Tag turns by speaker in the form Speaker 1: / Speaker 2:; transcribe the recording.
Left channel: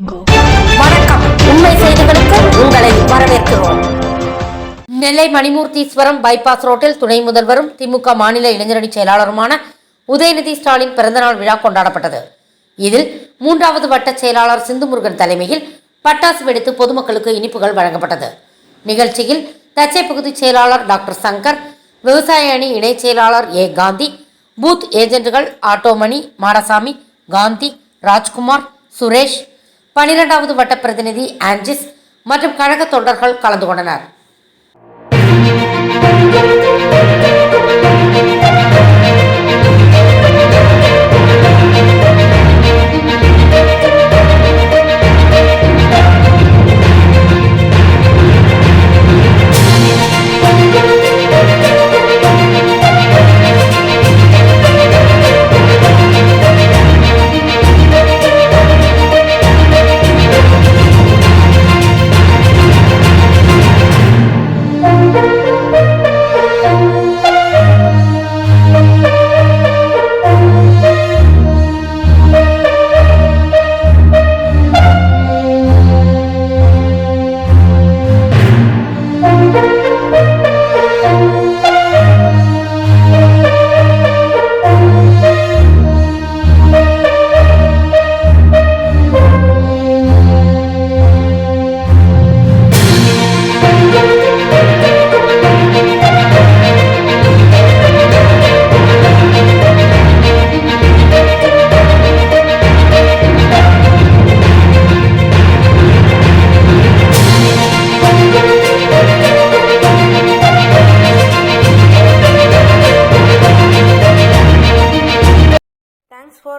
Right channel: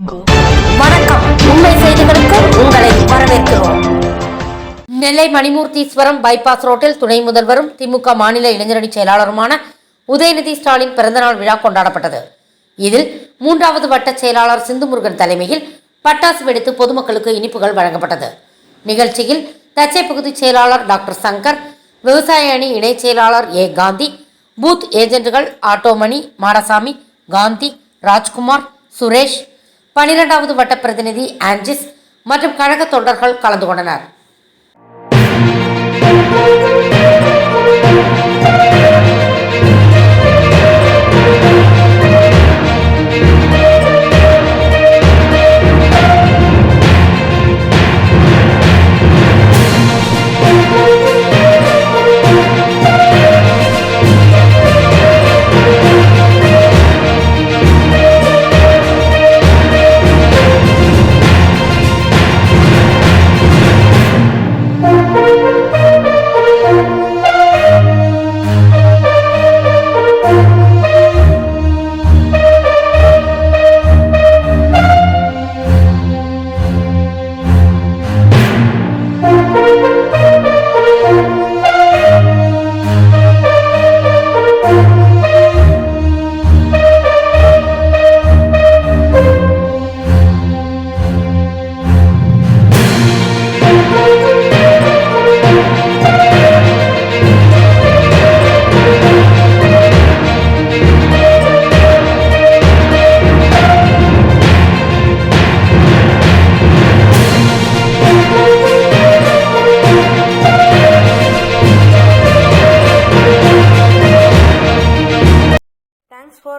Speaker 1: வணக்கம். உண்மை செய்திகளுக்கு உங்களை வரவேற்கிறோம். நெல்லை மணிமூர்த்தீஸ்வரம் பைபாஸ் ரோட்டில் துணை முதல்வரும் திமுக மாநில இளைஞரணி செயலாளருமான உதயநிதி ஸ்டாலின் பிறந்தநாள் விழா கொண்டாடப்பட்டது. இதில் மூன்றாவது வட்ட செயலாளர் சிந்துமுருகன் தலைமையில் பட்டாசு வெடித்து பொதுமக்களுக்கு இனிப்புகள் வழங்கப்பட்டது. நிகழ்ச்சியில் தச்சை பகுதி செயலாளர் டாக்டர் சங்கர் விவசாய அணி இணை செயலாளர் ஏ காந்தி பூத் ஏஜென்ட்டுகள் ஆட்டோமணி மாடசாமி காந்தி ராஜ்குமார் சுரேஷ் பனிரெண்டாவது வட்ட பிரதிநிதி ஆன்ஜிஸ் மற்றும் கழக தொண்டர்கள் கலந்து கொண்டனர்.